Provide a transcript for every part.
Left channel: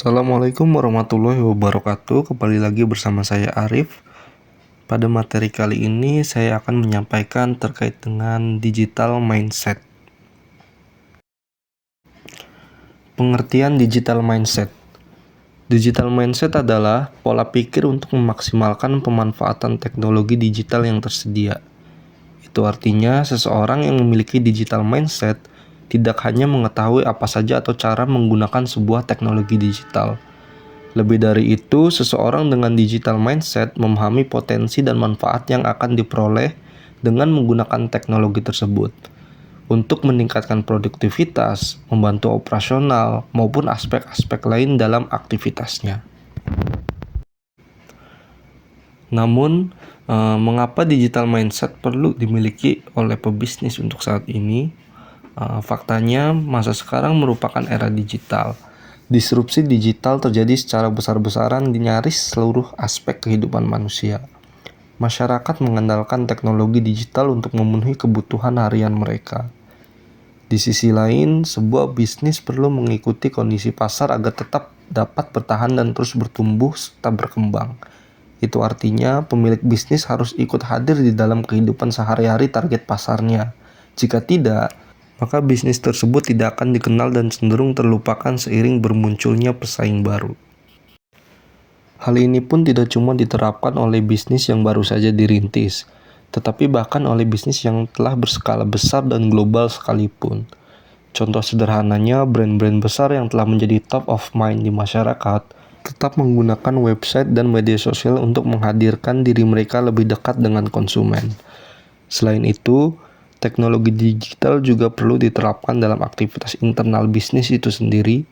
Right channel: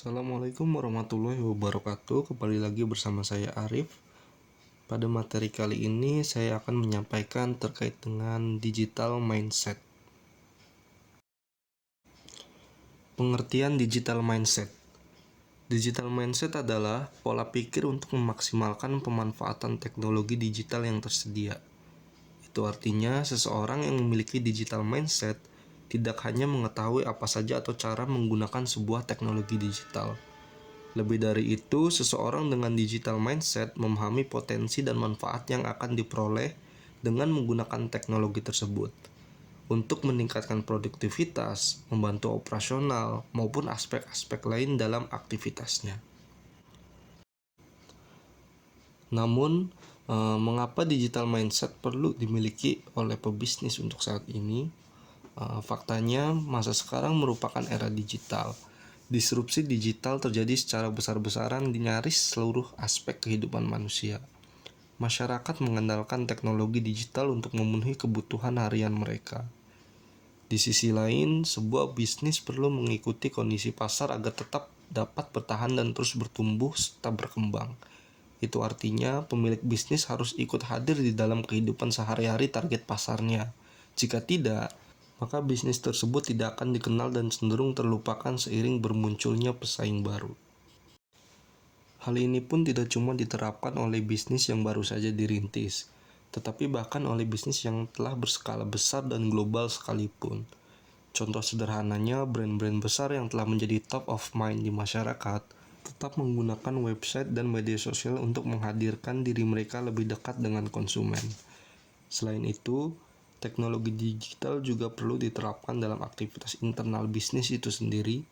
Assalamualaikum warahmatullahi wabarakatuh. Kembali lagi bersama saya Arif. Pada materi kali ini saya akan menyampaikan terkait dengan digital mindset. Pengertian digital mindset. Digital mindset adalah pola pikir untuk memaksimalkan pemanfaatan teknologi digital yang tersedia. Itu artinya seseorang yang memiliki digital mindset tidak hanya mengetahui apa saja atau cara menggunakan sebuah teknologi digital. Lebih dari itu, seseorang dengan digital mindset memahami potensi dan manfaat yang akan diperoleh dengan menggunakan teknologi tersebut untuk meningkatkan produktivitas, membantu operasional, maupun aspek-aspek lain dalam aktivitasnya. Namun, mengapa digital mindset perlu dimiliki oleh pebisnis untuk saat ini? Faktanya, masa sekarang merupakan era digital. Disrupsi digital terjadi secara besar-besaran di nyaris seluruh aspek kehidupan manusia. Masyarakat mengandalkan teknologi digital untuk memenuhi kebutuhan harian mereka. Di sisi lain, sebuah bisnis perlu mengikuti kondisi pasar agar tetap dapat bertahan dan terus bertumbuh serta berkembang. Itu artinya pemilik bisnis harus ikut hadir di dalam kehidupan sehari-hari target pasarnya. Jika tidak, maka bisnis tersebut tidak akan dikenal dan cenderung terlupakan seiring bermunculnya pesaing baru. Hal ini pun tidak cuma diterapkan oleh bisnis yang baru saja dirintis, tetapi bahkan oleh bisnis yang telah berskala besar dan global sekalipun. Contoh sederhananya, brand-brand besar yang telah menjadi top of mind di masyarakat tetap menggunakan website dan media sosial untuk menghadirkan diri mereka lebih dekat dengan konsumen. Selain itu, teknologi digital juga perlu diterapkan dalam aktivitas internal bisnis itu sendiri,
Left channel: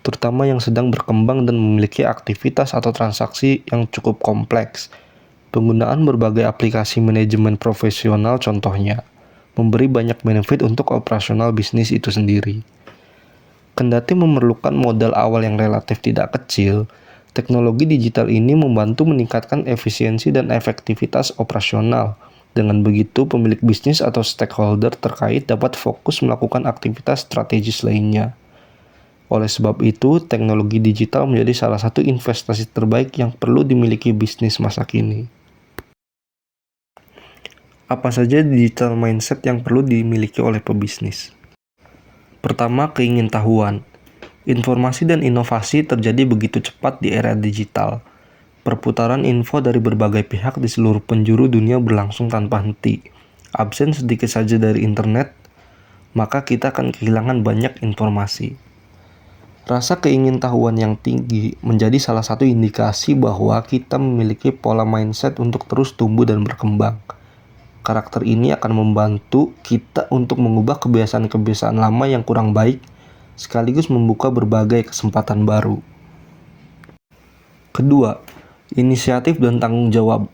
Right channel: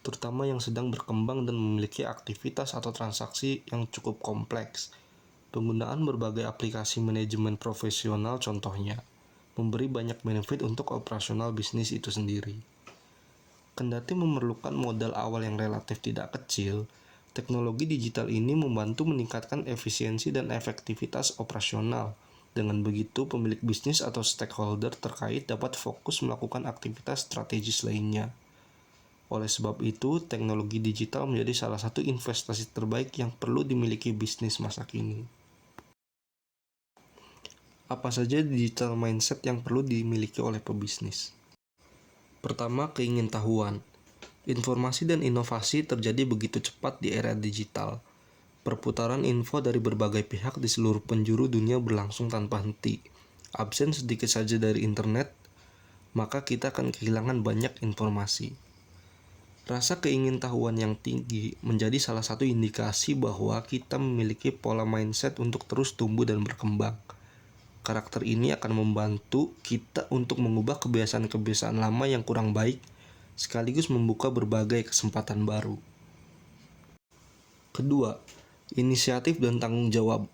terutama yang sedang berkembang dan memiliki aktivitas atau transaksi yang cukup kompleks. Penggunaan berbagai aplikasi manajemen profesional contohnya, memberi banyak benefit untuk operasional bisnis itu sendiri. Kendati memerlukan modal awal yang relatif tidak kecil, teknologi digital ini membantu meningkatkan efisiensi dan efektivitas operasional. Dengan begitu, pemilik bisnis atau stakeholder terkait dapat fokus melakukan aktivitas strategis lainnya. Oleh sebab itu, teknologi digital menjadi salah satu investasi terbaik yang perlu dimiliki bisnis masa kini. Apa saja digital mindset yang perlu dimiliki oleh pebisnis? Pertama, keingintahuan. Informasi dan inovasi terjadi begitu cepat di era digital. Perputaran info dari berbagai pihak di seluruh penjuru dunia berlangsung tanpa henti. Absen sedikit saja dari internet, maka kita akan kehilangan banyak informasi. Rasa keingintahuan yang tinggi menjadi salah satu indikasi bahwa kita memiliki pola mindset untuk terus tumbuh dan berkembang. Karakter ini akan membantu kita untuk mengubah kebiasaan-kebiasaan lama yang kurang baik, sekaligus membuka berbagai kesempatan baru. Kedua, inisiatif dan tanggung jawab.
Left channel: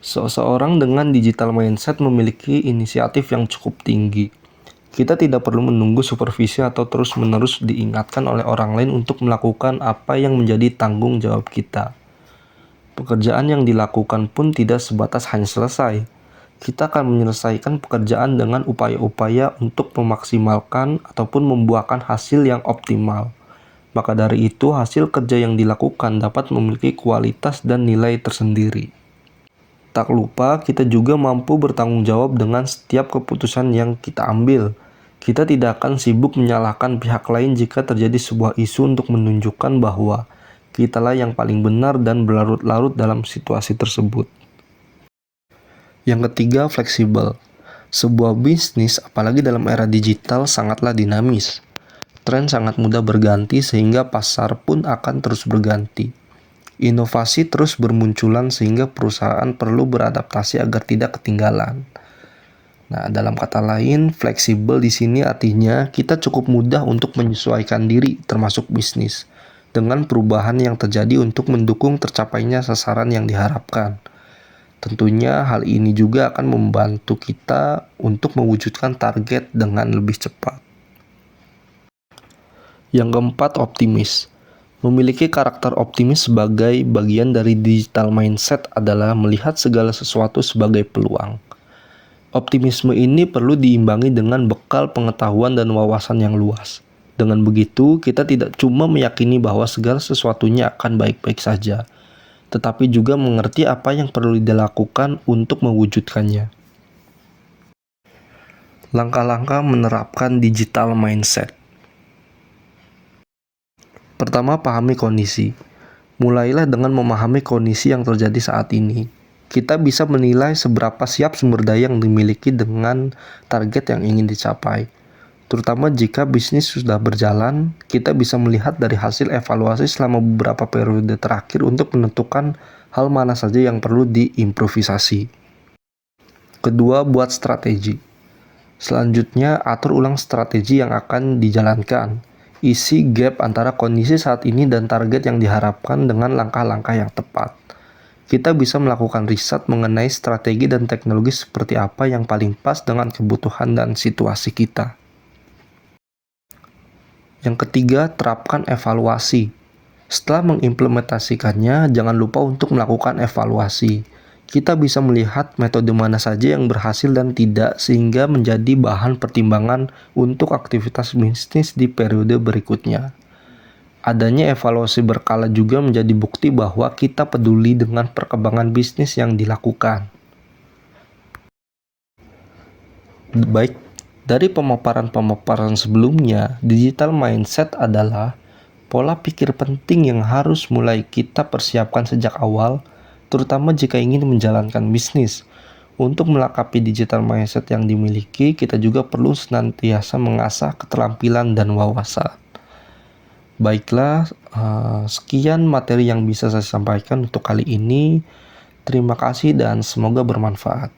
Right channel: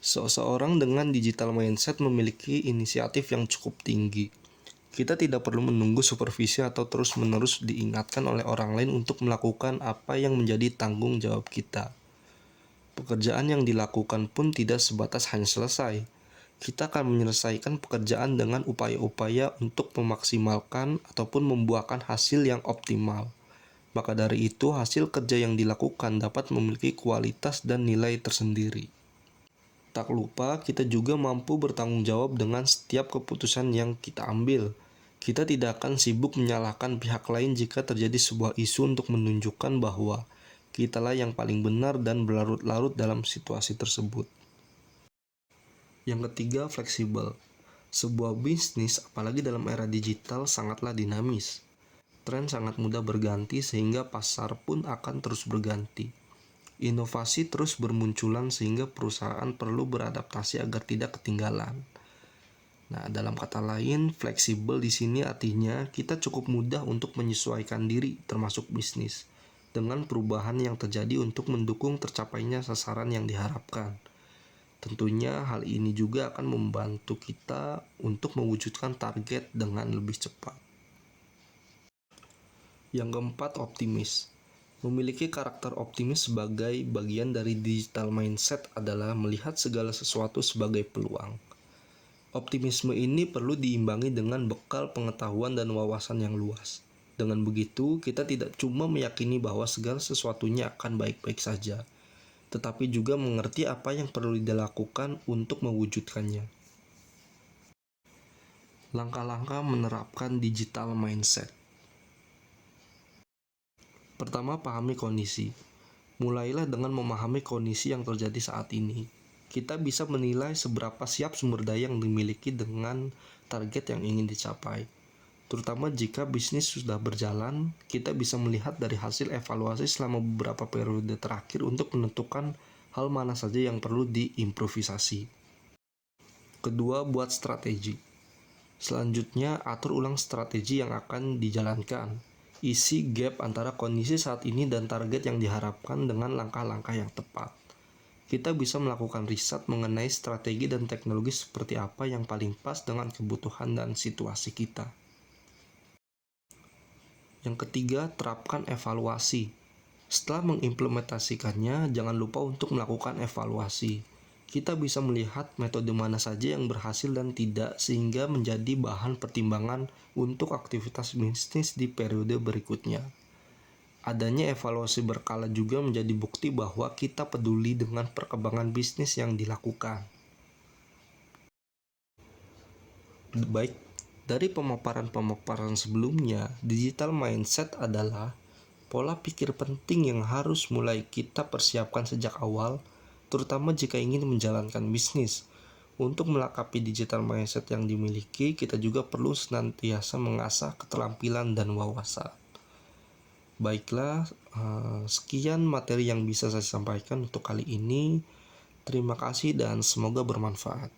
Seseorang dengan digital mindset memiliki inisiatif yang cukup tinggi. Kita tidak perlu menunggu supervisi atau terus-menerus diingatkan oleh orang lain untuk melakukan apa yang menjadi tanggung jawab kita. Pekerjaan yang dilakukan pun tidak sebatas hanya selesai. Kita akan menyelesaikan pekerjaan dengan upaya-upaya untuk memaksimalkan ataupun membuahkan hasil yang optimal. Maka dari itu, hasil kerja yang dilakukan dapat memiliki kualitas dan nilai tersendiri. Tak lupa, kita juga mampu bertanggung jawab dengan setiap keputusan yang kita ambil. Kita tidak akan sibuk menyalahkan pihak lain jika terjadi sebuah isu untuk menunjukkan bahwa kitalah yang paling benar dan berlarut-larut dalam situasi tersebut. Yang ketiga, fleksibel. Sebuah bisnis, apalagi dalam era digital, sangatlah dinamis. Tren sangat mudah berganti sehingga pasar pun akan terus berganti. Inovasi terus bermunculan sehingga perusahaan perlu beradaptasi agar tidak ketinggalan. Nah, dalam kata lain, fleksibel di sini artinya kita cukup mudah untuk menyesuaikan diri termasuk bisnis dengan perubahan yang terjadi untuk mendukung tercapainya sasaran yang diharapkan. Tentunya hal ini juga akan membantu kita untuk mewujudkan target dengan lebih cepat. Yang keempat, optimis. Memiliki karakter optimis sebagai bagian dari digital mindset adalah melihat segala sesuatu sebagai peluang. Optimisme ini perlu diimbangi dengan bekal pengetahuan dan wawasan yang luas. Dengan begitu, kita tidak cuma meyakini bahwa segala sesuatunya akan baik-baik saja, tetapi juga mengerti apa yang perlu dilakukan untuk mewujudkannya. Langkah-langkah menerapkan digital mindset. Pertama, pahami kondisi. Mulailah dengan memahami kondisi yang terjadi saat ini. Kita bisa menilai seberapa siap sumber daya yang dimiliki dengan target yang ingin dicapai. Terutama jika bisnis sudah berjalan, kita bisa melihat dari hasil evaluasi selama beberapa periode terakhir untuk menentukan hal mana saja yang perlu diimprovisasi. Kedua, buat strategi. Selanjutnya, atur ulang strategi yang akan dijalankan. Isi gap antara kondisi saat ini dan target yang diharapkan dengan langkah-langkah yang tepat. Kita bisa melakukan riset mengenai strategi dan teknologi seperti apa yang paling pas dengan kebutuhan dan situasi kita. Yang ketiga, terapkan evaluasi. Setelah mengimplementasikannya, jangan lupa untuk melakukan evaluasi. Kita bisa melihat metode mana saja yang berhasil dan tidak, sehingga menjadi bahan pertimbangan untuk aktivitas bisnis di periode berikutnya. Adanya evaluasi berkala juga menjadi bukti bahwa kita peduli dengan perkembangan bisnis yang dilakukan. Baik, dari pemaparan-pemaparan sebelumnya, digital mindset adalah pola pikir penting yang harus mulai kita persiapkan sejak awal, terutama jika ingin menjalankan bisnis. Untuk melengkapi digital mindset yang dimiliki, kita juga perlu senantiasa mengasah keterampilan dan wawasan. Baiklah, sekian materi yang bisa saya sampaikan untuk kali ini. Terima kasih dan semoga bermanfaat.